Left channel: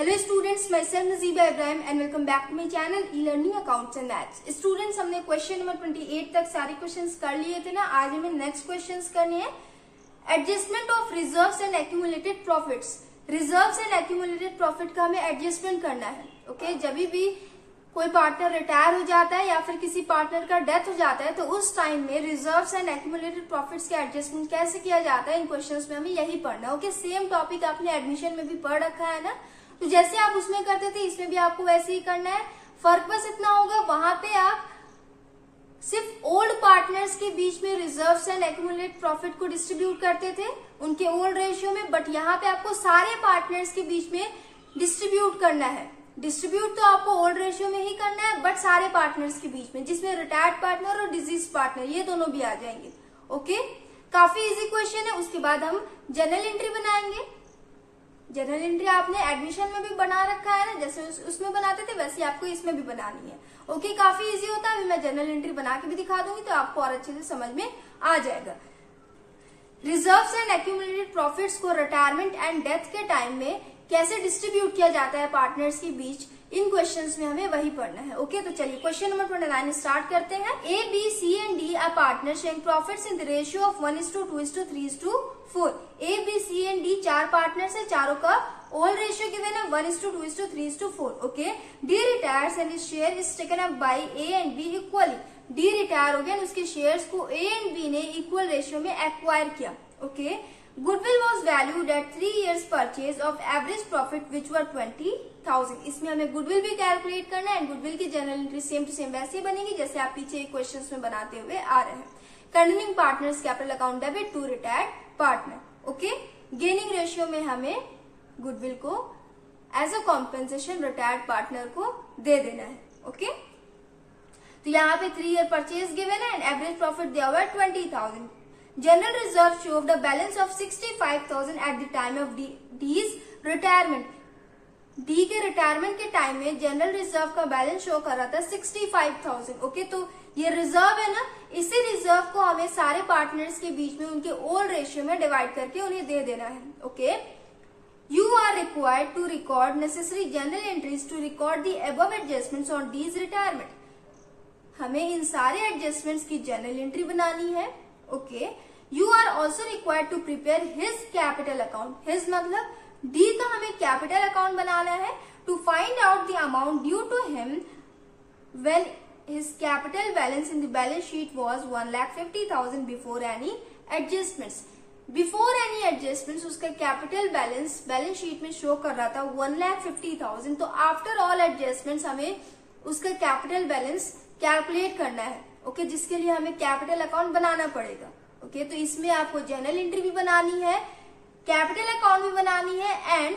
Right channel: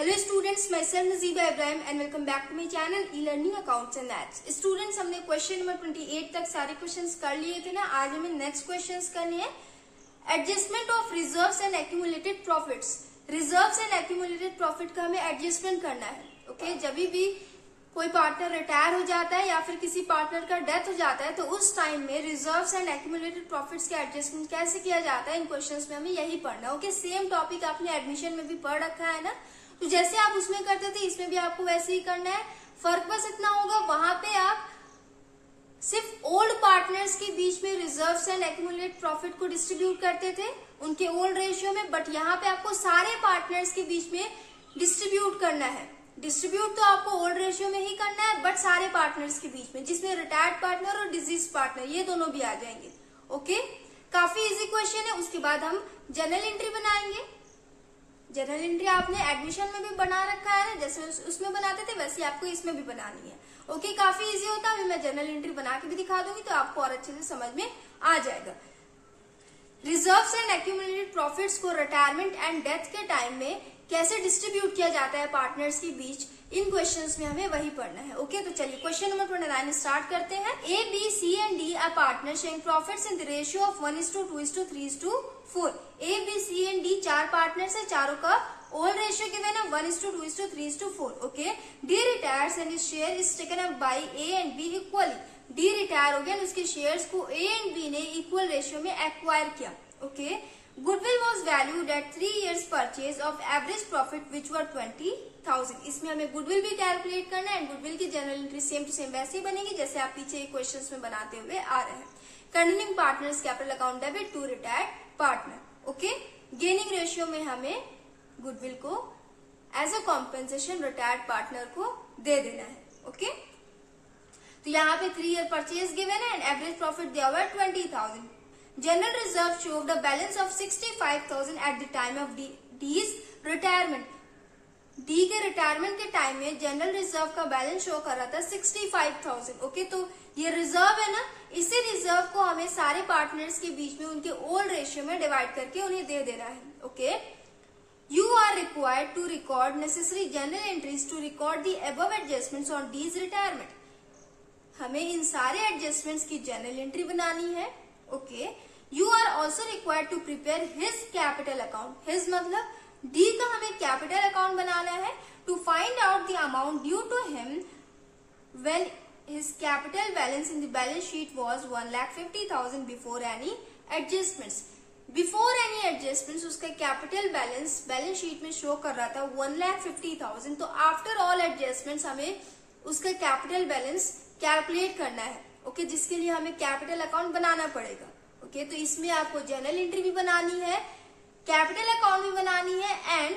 Hello students, मैं sir Najiba Ibrahim and welcome back to my channel e learning accounts and maths. Students, हमने question number 28 तक सारे questions कर लिए थे ना। आज हमें नेक्स्ट क्वेश्चंस करने हैं। Adjustment of reserves and accumulated profits. Reserves and accumulated profit का हमें एडजस्टमेंट करना है। ओके, जब भी कोई पार्टनर रिटायर हो जाता है या फिर किसी पार्टनर का डेथ हो जाता है तो उस टाइम में रिजर्व्स एंड एक्यूमुलेटेड प्रॉफिट्स का एडजस्टमेंट कैसे किया जाता है, इन क्वेश्चंस में हमें यही पढ़ना है। ओके, सेम टॉपिक आपने एडमिशन में भी पढ़ रखा है ना, तो जैसे आप उसमें करते थे इसमें भी आपको वैसे ही करना है। फर्क बस इतना होगा, वहां पे आप सिर्फ ओल्ड पार्टनर्स के बीच में रिजर्व्स एंड एक्यूमुलेटेड प्रॉफिट को डिस्ट्रीब्यूट करते थे उनके ओल्ड रेशियो में, बट यहाँ पे आपको सारे पार्टनर्स के बीच में डिस्ट्रीब्यूट करना है। डिस्ट्रीब्यूट तो आपको ओल्ड रेशियो में ही करना है, बट सारे पार्टनर्स के बीच में, जिसमें रिटायर्ड पार्टनर और डिजीज पार्टनर ये दोनों भी आ जाएंगे। ओके, काफी इजी क्वेश्चन है। उसके बाद हम जनरल एंट्री बनाएंगे। जनरल एंट्री आपने एडमिशन में भी बना रखा है ना, जैसे उसमें बनाते थे वैसे आपको इसमें भी बनानी है। ओके, काफी इजी होता है। अभी मैं जनरल एंट्री बना के भी दिखा दूंगी तो आपको और अच्छे से समझ में आ जाएगा। रिजर्व्स एंड एक्यूमुलेटेड प्रॉफिट्स को रिटायरमेंट एंड डेथ के टाइम में कैसे डिस्ट्रीब्यूट किया जाता है पार्टनर्स के बीच, इन क्वेश्चंस में हमें वही पढ़ना है। ओके, तो चलिए क्वेश्चन नंबर 29 स्टार्ट करते हैं। A, B, C and D are partner sharing profits in the ratio of 1:2:3:4। A, B, C and D चार पार्टनर्स है, चारों का ओल्ड रेशियो गिवन है 1:2:3:4। Okay, D retires and his share is taken up by A and B equally. D retire हो गया, उसके शेयर्स को ए एंड बी ने इक्वल रेशियो में एक्वायर किया। Okay, goodwill was valued at 3 years purchase of average profit which were 20,000। इसमें हमें गुडविल भी कैलकुलेट करना है एंड गुडविल की general entry same to same वैसे ही बनेगी जैसे आप पीछे क्वेश्चंस में बनाते हुए आ रहे हैं। Continuing partners capital account debit to retired partner. Okay, gaining ratio में हमें गुडविल को as a compensation retired partner को दे देना है। ओके, तो यहाँ पे 3 year परचेज गिवन है एंड एवरेज प्रॉफिट दिया हुआ है 20,000। General reserve showed a balance of 65,000 at the time of D's retirement. D के रिटायरमेंट के टाइम में जनरल रिजर्व का बैलेंस शो कर रहा था 65,000। ओके, तो ये रिजर्व है ना, इसी रिजर्व को हमें सारे पार्टनर्स के बीच में उनके ओल्ड रेशियो में डिवाइड करके उन्हें दे देना है। Okay, you are required to record necessary journal entries to record the above adjustments on D's retirement. हमें इन सारे एडजस्टमेंट्स की जनरल एंट्री बनानी है। Okay, you are also required to prepare his capital account. His मतलब D का हमें capital account बनाना है to find out the amount due to him when his capital balance in the balance sheet was 1,50,000 before any adjustments. Before any adjustments उसका capital balance sheet में show कर रहा था 1,50,000। तो आफ्टर ऑल एडजस्टमेंट्स हमें उसका कैपिटल बैलेंस कैलकुलेट करना है। ओके, जिसके लिए हमें कैपिटल अकाउंट बनाना पड़ेगा। ओके, तो इसमें आपको जनरल एंट्री भी बनानी है, कैपिटल अकाउंट भी बनानी है and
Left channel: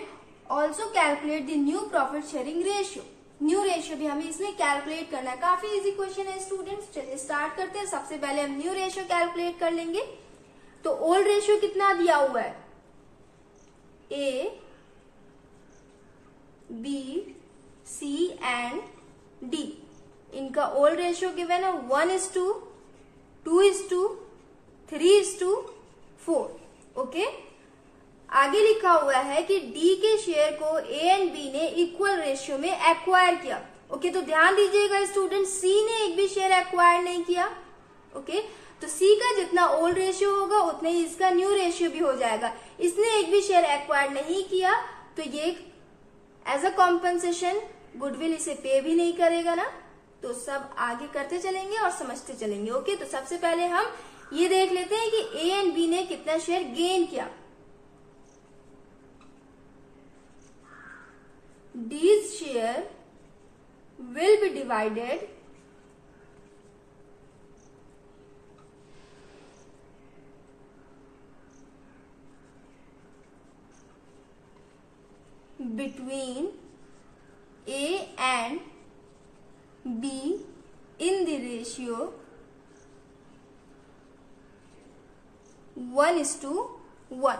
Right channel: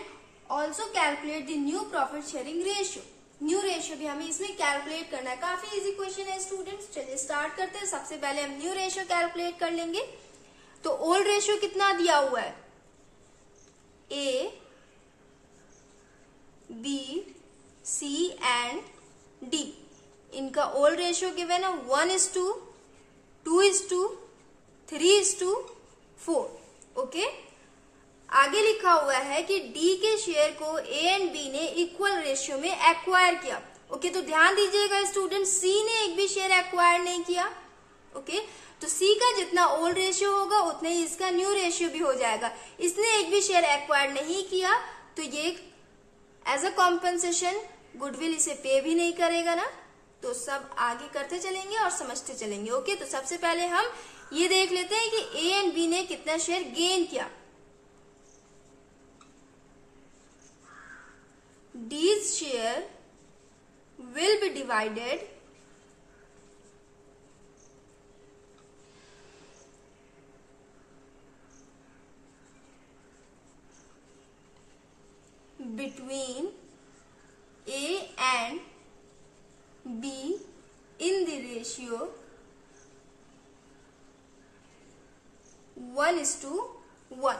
also calculate the new profit sharing ratio. New ratio भी हमें इसमें कैलकुलेट करना है। काफी इजी क्वेश्चन है स्टूडेंट्स। चलिए स्टार्ट करते हैं। सबसे पहले हम न्यू रेशियो कैलकुलेट कर लेंगे। तो ओल्ड रेशियो कितना दिया हुआ है? ए, बी, सी एंड डी, इनका ओल्ड रेशियो गिवन है 1:2:3:4। ओके, आगे लिखा हुआ है कि डी के शेयर को ए एंड बी ने इक्वल रेशियो में एक्वायर किया। ओके, तो ध्यान दीजिएगा स्टूडेंट, सी ने एक भी शेयर एक्वायर नहीं किया। ओके, तो सी का जितना ओल्ड रेशियो होगा उतने ही इसका न्यू रेशियो भी हो जाएगा। इसने एक भी शेयर एक्वायर नहीं किया तो ये एज अ कॉम्पेंसेशन गुडविल इसे पे भी नहीं करेगा ना। तो सब आगे करते चलेंगे और समझते चलेंगे। ओके, तो सबसे पहले हम ये देख लेते हैं कि ए एंड बी ने कितना शेयर गेन किया। D's share will be divided between A and B in the ratio 1:1।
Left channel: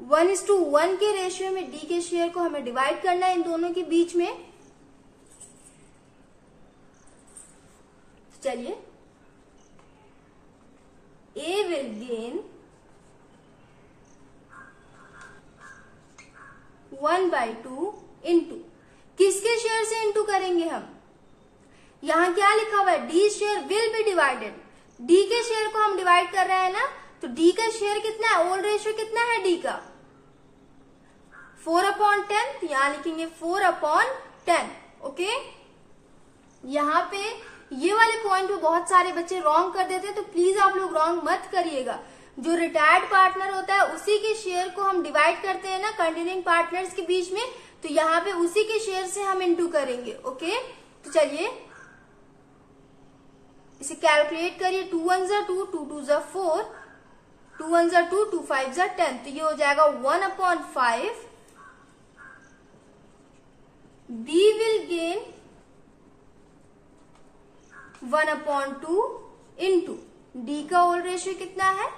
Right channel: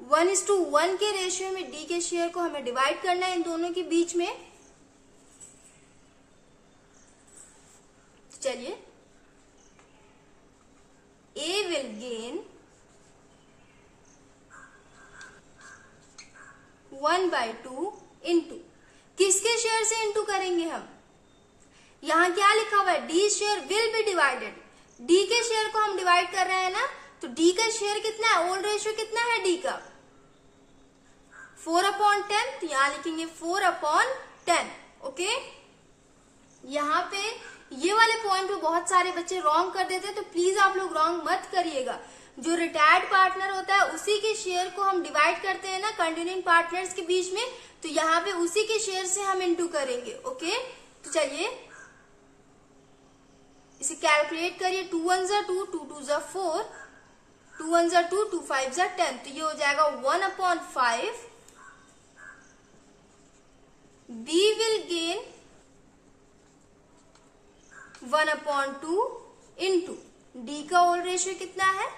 1:1 के रेशियो में डी के शेयर को हमें डिवाइड करना है इन दोनों के बीच में। चलिए, A will gain 1/2 इंटू किसके शेयर से इंटू करेंगे हम, यहाँ क्या लिखा हुआ है, D share will be divided, D के शेयर को हम डिवाइड कर रहे हैं ना, तो डी का शेयर कितना है, ओल्ड रेशियो कितना है डी का, 4/10, तो यहाँ लिखेंगे 4/10। ओके, यहाँ पे ये वाले पॉइंट पे बहुत सारे बच्चे रॉन्ग कर देते हैं, तो प्लीज आप लोग रॉन्ग मत करिएगा। जो रिटायर्ड पार्टनर होता है उसी के शेयर को हम डिवाइड करते हैं ना कंटिन्यूइंग पार्टनर्स के बीच में, तो यहाँ पे उसी के शेयर से हम इंटू करेंगे। ओके, तो चलिए इसे कैलकुलेट करिए, 2 1 2, 2 2 4, 2 1 2, 2 5 10, तो ये हो जाएगा 1/5। B will gain 1/2 into D का ओल्ड रेशियो कितना है,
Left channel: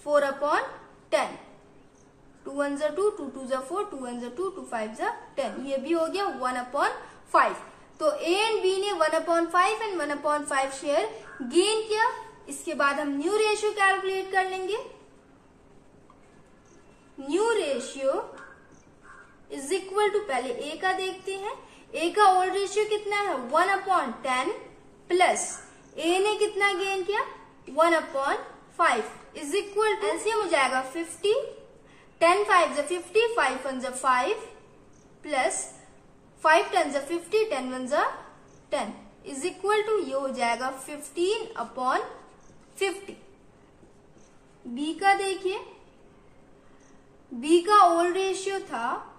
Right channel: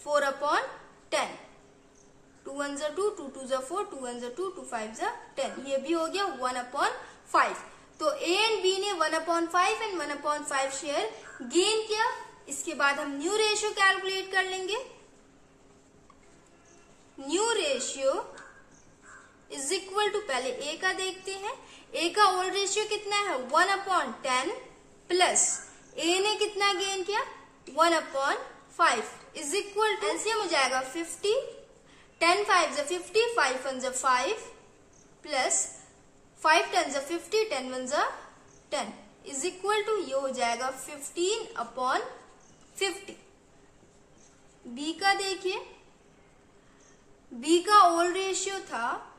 4/10, 2 1 2, 2 2 4, 2 1 2, 2 5 10, ये भी हो गया 1/5। तो ए एंड बी ने 1/5 एंड 1/5 शेयर गेन किया। इसके बाद हम न्यू रेशियो कैलकुलेट कर लेंगे। New ratio is equal to, पहले ए का देखते हैं, ए का ओल्ड रेशियो कितना है 1/10 प्लस ए ने कितना गेन किया 1/5 इज इक्वल टू, एलसीएम हो जाएगा 50, 10 5 50, 5 1 5 प्लस 5 10 50, 10 1 10 इज इक्वल टू, ये हो जाएगा 15/50। बी का देखिए, बी का ओल्ड रेशियो था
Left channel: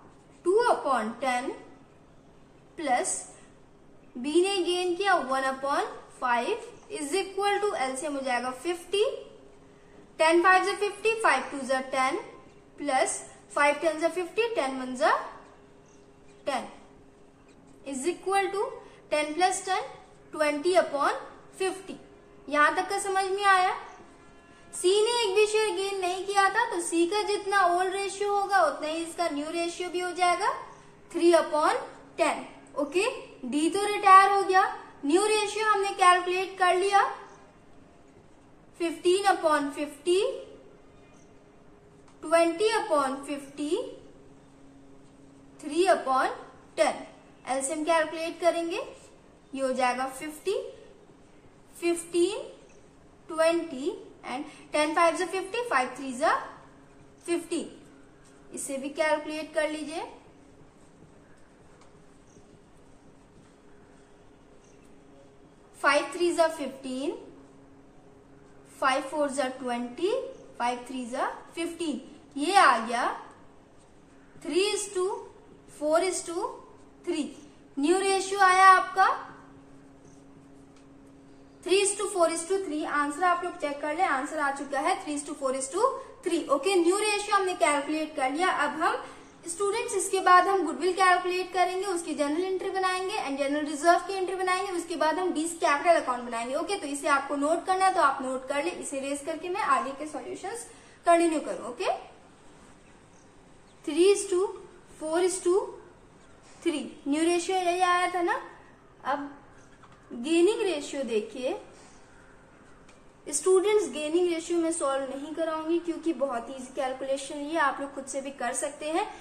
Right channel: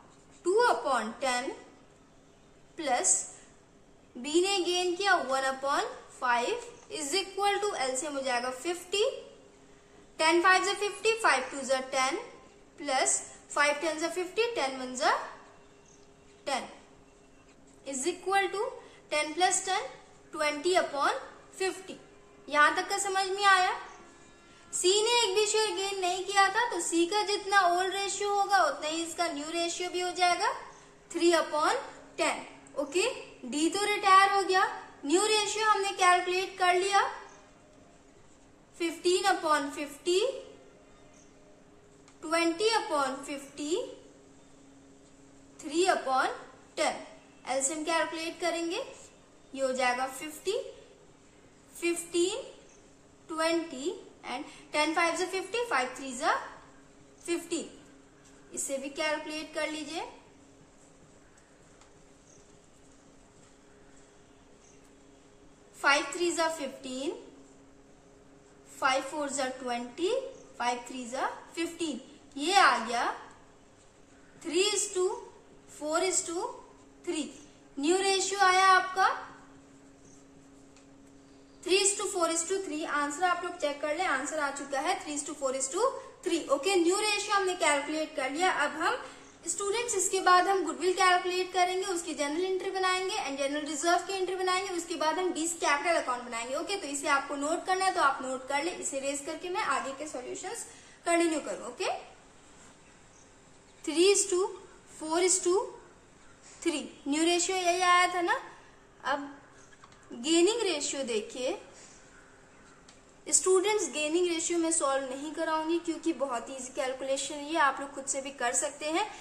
2/10 प्लस बी ने गेन किया 1/5 इज इक्वल टू, एलसीएम हो जाएगा 50, 10 5 50, 5 2 10 plus 5 10 50, 10 1 10 is equal to 10 plus 10 20/50। यहां तक का समझ में आया। सी ने एक भी शेयर गेन नहीं किया था, तो सी का जितना ओल्ड रेशियो होगा उतना ही इसका न्यू रेशियो भी हो जाएगा 3/10। ओके, डी तो रिटायर हो गया, न्यू रेशियो हमने कैलकुलेट कर लिया 15/50, 20/50, 3/10। एलसीएम कैलकुलेट करेंगे, ये हो जाएगा 50, 15, 20 एंड 10 5 50, 5 3 15। इसे भी कैलकुलेट कर लीजिए। 5 3 15, 5 4 20, 5 3 15, ये आ गया 3:4:3। न्यू रेशियो आया आपका 3:4:3। आंसर आप लोग चेक कर ले, आंसर आ चुका है 3:4:3। ओके, न्यू रेशियो हमने कैलकुलेट कर लिया। अब हम स्टूडेंट्स इसके बाद हम गुडविल कैलकुलेट करेंगे, उसकी जनरल एंट्री बनाएंगे एंड जनरल रिजर्व की एंट्री बनाएंगे, उसके बाद हम डीज कैपिटल अकाउंट बनाएंगे। ओके, तो इसे आपको नोट करना है तो आप नोट कर ले, इसे रेज करके मैं आगे के सॉल्यूशंस कंटिन्यू करूं। ओके, 3:4:3 न्यू रेशियो यही आया था ना। अब गेनिंग रेशियो देखिए स्टूडेंट्स, गेनिंग रेशियो में सॉल्व नहीं कराऊंगी क्योंकि बहुत इजी कैलकुलेशन ये आप लोग खुद से भी कर सकते हैं।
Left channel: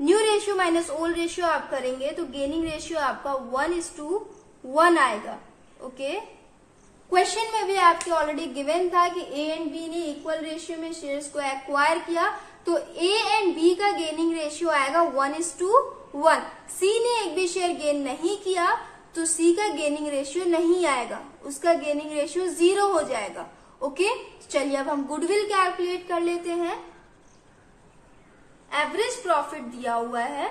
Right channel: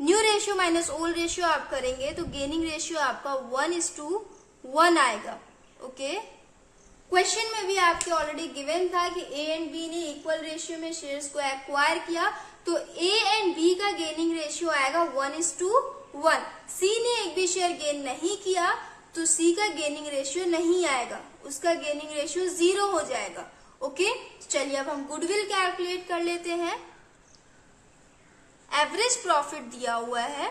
New ratio minus old ratio आप करेंगे तो गेनिंग रेशियो आपका 1:1 आएगा। ओके, क्वेश्चन में भी आपके ऑलरेडी गिवन था कि ए एंड बी ने इक्वल रेशियो में शेयर्स को एक्वायर किया, तो ए एंड बी का गेनिंग रेशियो आएगा 1:1। सी ने एक भी शेयर गेन नहीं किया तो सी का गेनिंग रेशियो नहीं आएगा, उसका गेनिंग रेशियो 0 हो जाएगा। ओके, चलिए अब हम गुडविल कैलकुलेट कर लेते हैं। एवरेज प्रॉफिट दिया हुआ है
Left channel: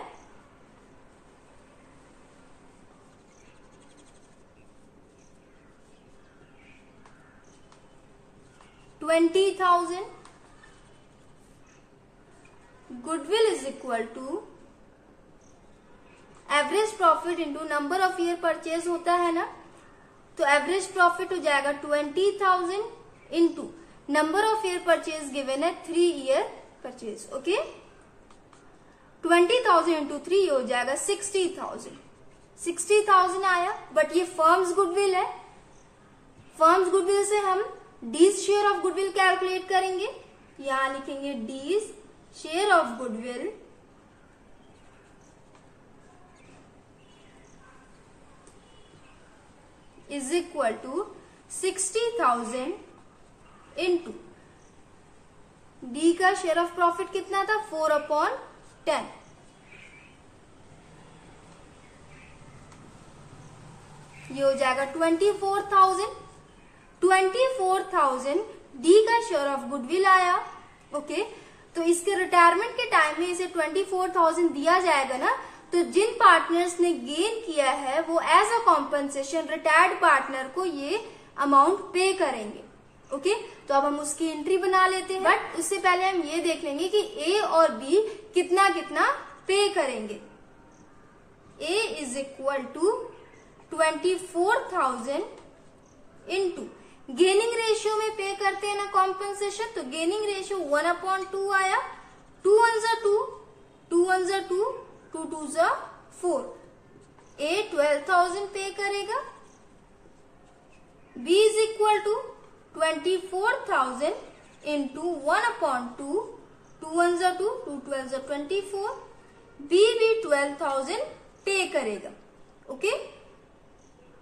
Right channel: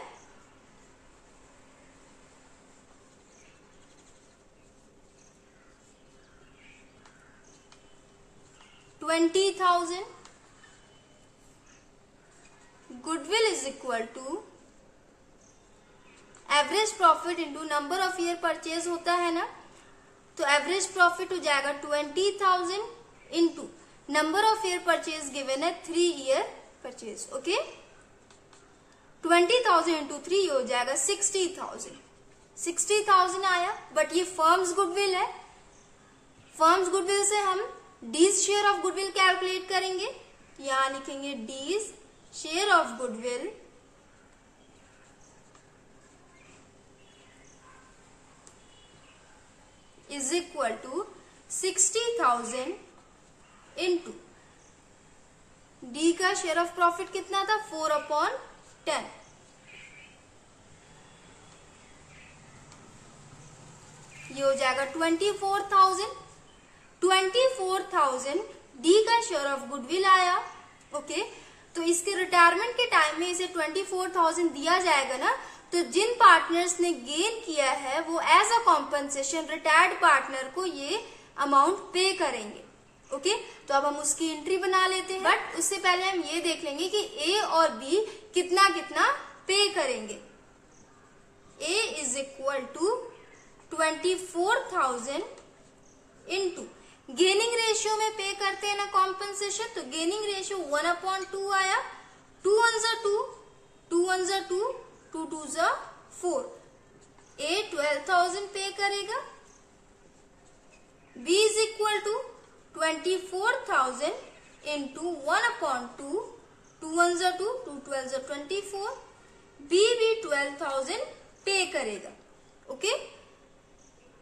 20,000। Goodwill is equal to average profit into number of year purchase होता है ना, तो एवरेज प्रॉफिट हो जाएगा 20,000 into number of year purchase given है 3 ईयर परचेज। ओके, 20,000 इंटू 3 हो जाएगा 60,000। 60,000 आया, बट ये फर्म्स गुडविल है। फर्म्स गुडविल से हम D's share of goodwill calculate करेंगे। यहां लिखेंगे D's share of goodwill is equal to 60,000 into D का शेयर ऑफ प्रॉफिट कितना था 4/10। ये हो जाएगा 24,000 डी का शेयर ऑफ गुडविल आया। ओके, तो इसके रिटायरमेंट के टाइम में इसे 24,000 दिया जाएगा ना, तो जिन पार्टनर्स ने गेन किया है वो as a compensation retired partner को ये अमाउंट पे करेंगे। ओके, तो अब हम उसकी एंट्री बना लेते हैं, बट उससे पहले हम ये देख लेंगे कि ए और बी कितना कितना पे करेंगे। A is equal to 24,000 into gaining ratio में पे करते हैं ना कॉम्पनसेशन, तो गेनिंग रेशियो 1/2 आया। 2 1 2, 2 1 2, 2 2 4। ए 12,000 पे करेगा। B is equal to 24,000 into 1/2, 2 1 2, 2 12 24। B भी 12,000 पे करेगा। ओके,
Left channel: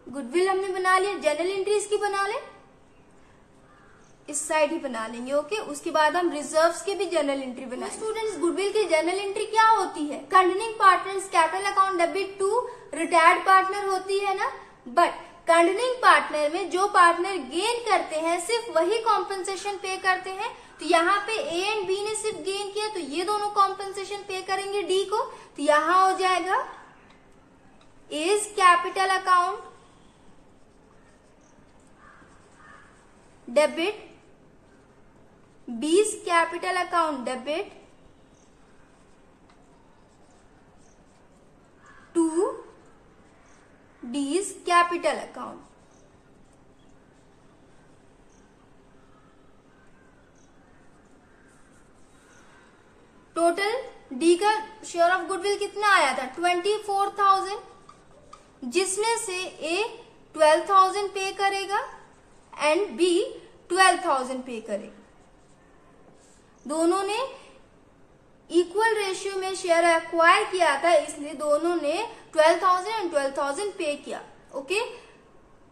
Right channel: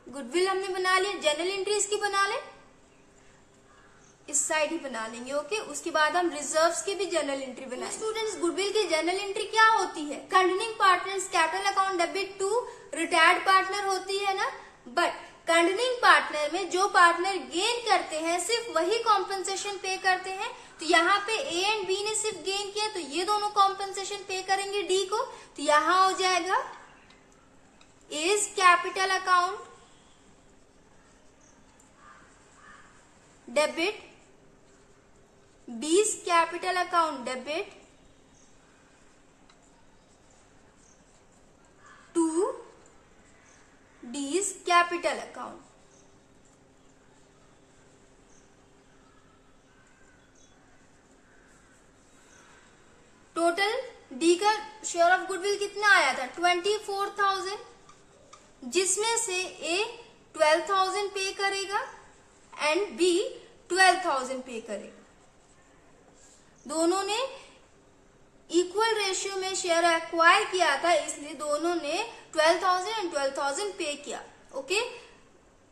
गुडविल हमने बना लिया, जनरल एंट्री इसकी बना ले, इस साइड ही बना लेंगे। ओके, उसके बाद हम रिजर्व्स के भी जनरल एंट्री बनाएंगे। स्टूडेंट्स, गुडविल की जनरल एंट्री क्या होती है? Continuing partners capital account debit to retired partner होती है ना, बट कंटिन्यूइंग पार्टनर में जो पार्टनर गेन करते हैं सिर्फ वही कॉम्पनसेशन पे करते हैं। तो यहाँ पे ए एंड बी ने सिर्फ गेन किया, तो ये दोनों कॉम्पनसेशन पे करेंगे डी को। तो यहाँ हो जाएगा A's capital account debit, B's capital account debit to D's capital account. Total D का शेयर ऑफ गुडविल कितना आया था 24,000, जिसमें से ए 12,000 पे करेगा एंड बी 12,000 पे करेगा। दोनों ने इक्वल रेशियो में शेयर एक्वायर किया था, इसलिए दोनों ने 12,000 एंड 12,000 पे किया। ओके,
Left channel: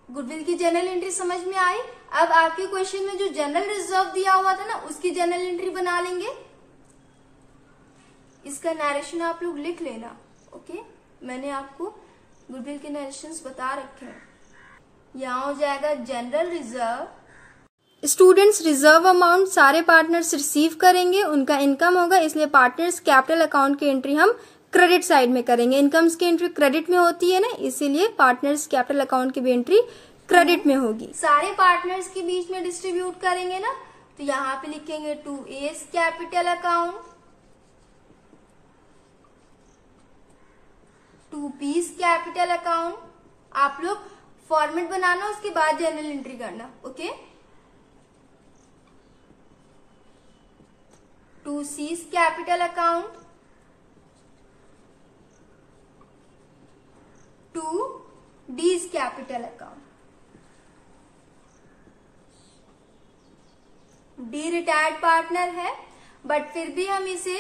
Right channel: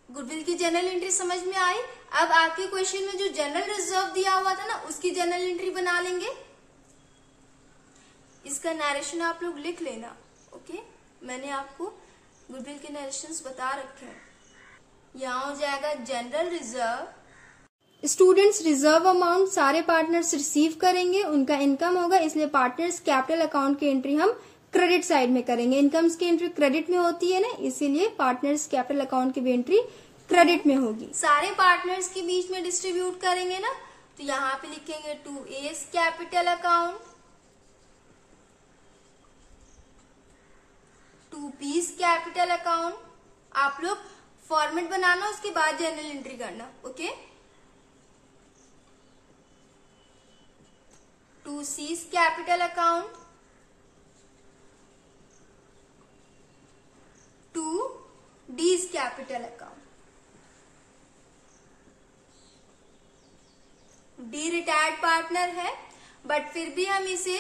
गुडविल की जनरल एंट्री समझ में आई। अब आपके क्वेश्चन में जो जनरल रिजर्व दिया हुआ था ना, उसकी जनरल एंट्री बना लेंगे। इसका नरेशन आप लोग लिख लेना। ओके, मैंने आपको गुडविल के नरेशंस बता रखे हैं। यहाँ हो जाएगा general reserve. Students, reserve amount सारे पार्टनर्स रिसीव करेंगे, उनका इनकम होगा, इसलिए पार्टनर्स कैपिटल अकाउंट की एंट्री हम क्रेडिट साइड में करेंगे। इनकम्स की एंट्री क्रेडिट में होती है ना, इसीलिए पार्टनर्स कैपिटल अकाउंट की भी एंट्री क्रेडिट में होगी। सारे पार्टनर्स के बीच में डिस्ट्रीब्यूट करेंगे ना, तो यहाँ पे लिखेंगे to A's capital account, to B's capital account. आप लोग फॉर्मेट बनाना, उसके बाद जनरल एंट्री करना। Okay, to C's capital account, to D's capital account. D retired partner है, बट फिर भी हम इसे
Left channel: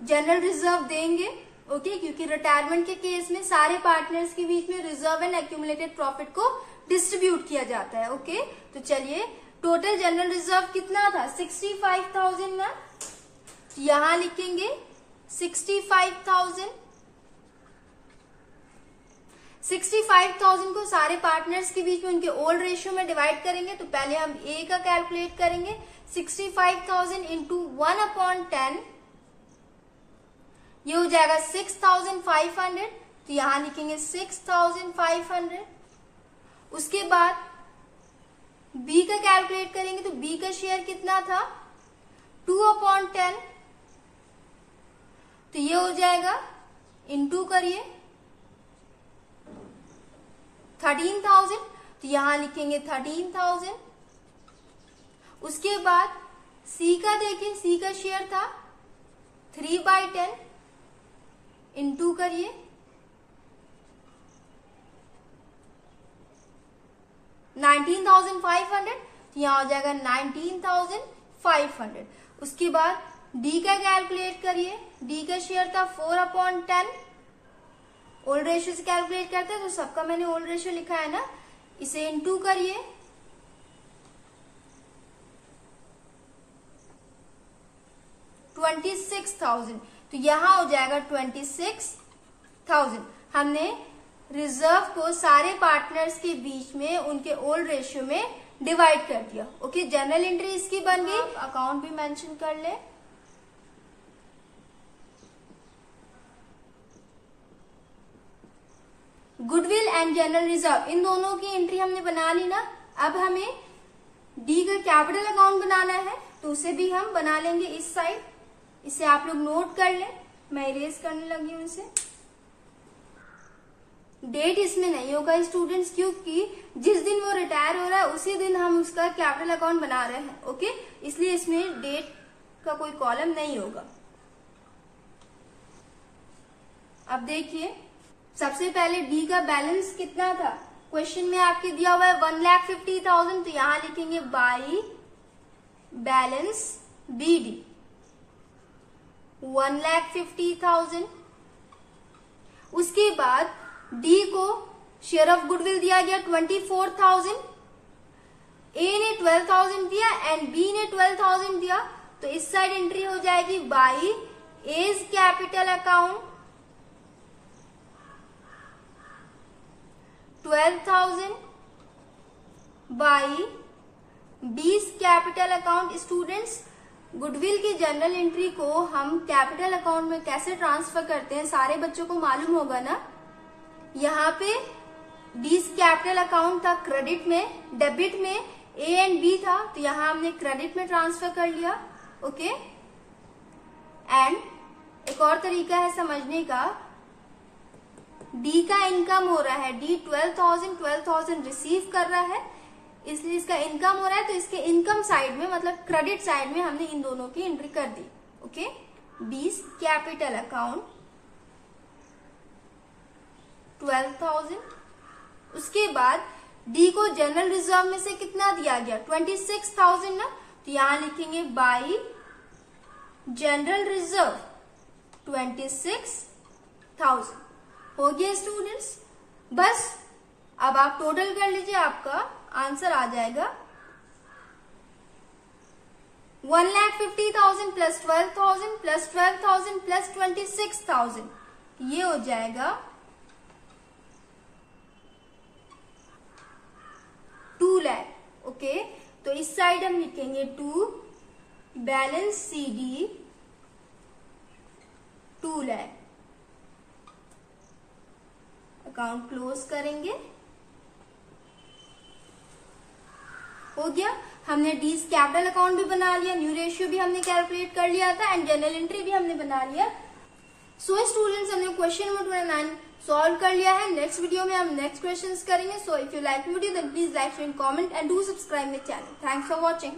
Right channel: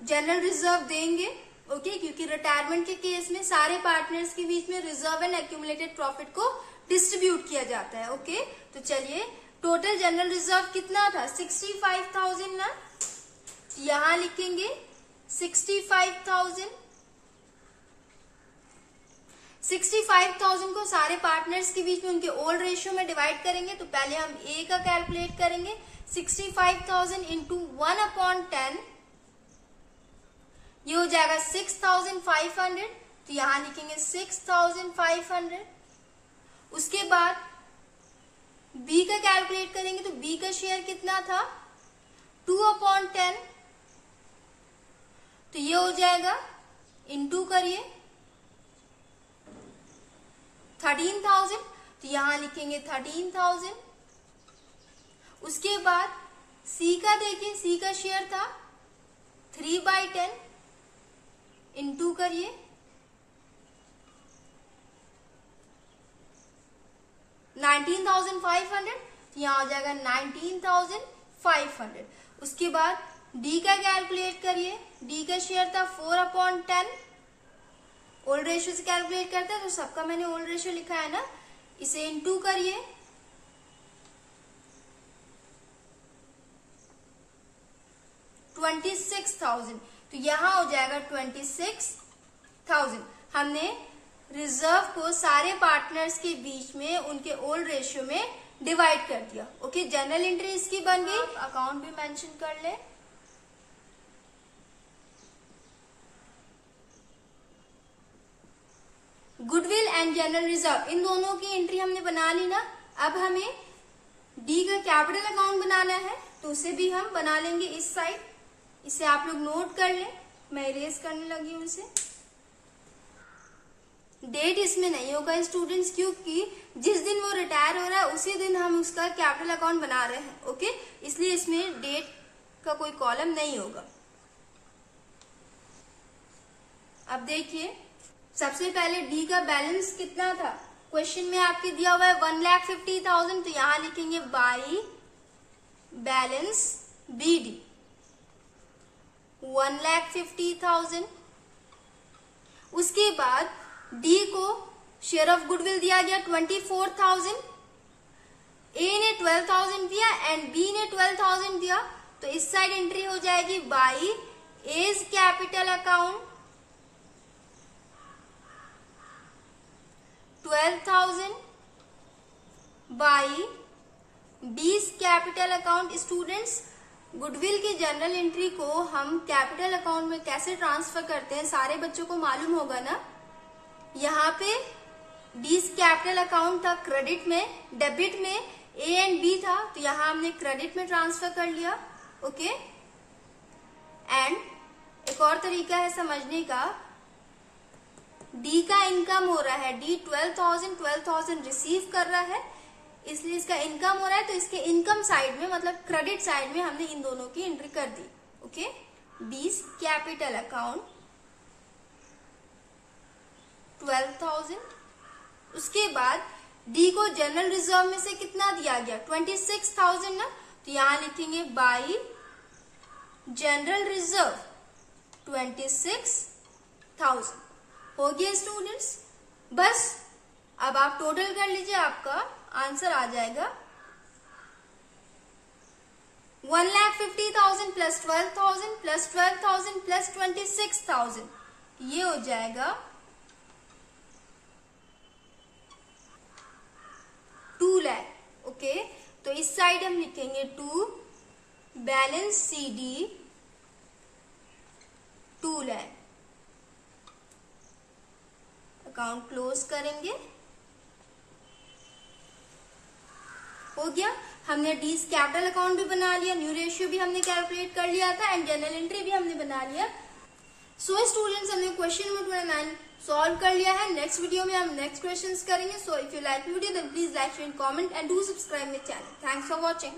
जनरल रिजर्व देंगे। ओके, क्योंकि रिटायरमेंट के केस में सारे पार्टनर्स के बीच में रिजर्व एंड एक्यूमुलेटेड प्रॉफिट को डिस्ट्रीब्यूट किया जाता है। ओके, तो चलिए, टोटल जनरल रिजर्व कितना था 65,000 ना, यहां लिखेंगे 65,000। 65,000 को सारे पार्टनर्स के बीच में उनके ओल्ड रेशियो में डिवाइड करेंगे। तो पहले हम ए का कैलकुलेट करेंगे, 65,000 इंटू 1/10, ये हो जाएगा 6,500। तो यहां लिखेंगे 6,500। उसके बाद बी का कैलकुलेट करेंगे, तो बी का शेयर कितना था 2/10, तो ये हो जाएगा इंटू करिए 13,000, तो यहां लिखेंगे 13,000। उसके बाद सी का देखिए, सी का शेयर था 3/10, इंटू करिए 19,500, तो यहां हो जाएगा 19,500। उसके बाद डी का कैलकुलेट करिए, डी का शेयर था 4/10, ओल्ड रेशियो से कैलकुलेट करते हैं, तो सबका मैंने ओल्ड रेशियो लिखा है ना, इसे इनटू करिए, 26,000, तो यहां हो जाएगा 26,000। हमने रिजर्व को सारे पार्टनर्स के बीच में उनके ओल्ड रेशियो में डिवाइड कर दिया। ओके, जनरल एंट्री इसकी बन गई। अकाउंट भी मेंशन कर ले। गुडविल एंड जनरल रिजर्व, इन दोनों की एंट्री हमने बना ली ना। अब हमें डी का कैपिटल अकाउंट बनाना है, तो उसे भी हम बना लेंगे इस साइड। इसे आप लोग नोट कर लें, मैं इरेज करने लगी हूं इसे। डेट इसमें नहीं होगा स्टूडेंट्स, क्योंकि जिस दिन वो रिटायर हो रहा है उसी दिन हम उसका कैपिटल अकाउंट बना रहे हैं। ओके, इसलिए इसमें डेट का कोई कॉलम नहीं होगा। अब देखिए, सबसे पहले डी का बैलेंस कितना था, क्वेश्चन में आपके दिया हुआ है 1,50,000, तो यहां लिखेंगे बाई बैलेंस BD 1,50,000। उसके बाद डी को शेयर ऑफ गुडविल दिया गया 24,000, ए ने 12,000 दिया एंड बी ने 12,000 दिया, तो इस साइड एंट्री हो जाएगी by A's capital account 12,000 by B's capital account. Students, goodwill की जनरल एंट्री को हम कैपिटल अकाउंट में कैसे ट्रांसफर करते हैं सारे बच्चों को मालूम होगा ना। यहाँ पे 20 कैपिटल अकाउंट था क्रेडिट में, डेबिट में ए एंड बी था, तो यहाँ हमने क्रेडिट में ट्रांसफर कर लिया। ओके, एंड एक और तरीका है समझने का, डी का इनकम हो रहा है, डी 12,000 रिसीव कर रहा है, इसलिए इसका इनकम हो रहा है, तो इसके इनकम साइड में मतलब क्रेडिट साइड में हमने इन दोनों की एंट्री कर दी। Okay, 20 capital account 12,000। उसके बाद डी को जनरल रिजर्व में से कितना दिया गया 26,000 ना, तो यहां लिखेंगे बाई जनरल रिजर्व 26,000। हो गया स्टूडेंट्स, बस अब आप टोटल कर लीजिए, आपका आंसर आ जाएगा 1,50,000 प्लस 12,000 प्लस 12,000 प्लस 26,000, ये हो जाएगा 2 लाख। ओके, तो इस साइड हम लिखेंगे 2 balance CD 2 lakh. Account close करेंगे। हो गया, हमने डीज कैपिटल अकाउंट भी बना लिया, न्यू रेशियो भी हमने कैलकुलेट कर लिया था एंड जनरल एंट्री भी हमने बना लिया। सो स्टूडेंट्स, हमने क्वेश्चन नंबर 29 सॉल्व कर लिया है। नेक्स्ट वीडियो में हम नेक्स्ट क्वेश्चंस करेंगे। So if you like video then please like, share, comment and do subscribe my channel. Thanks for watching.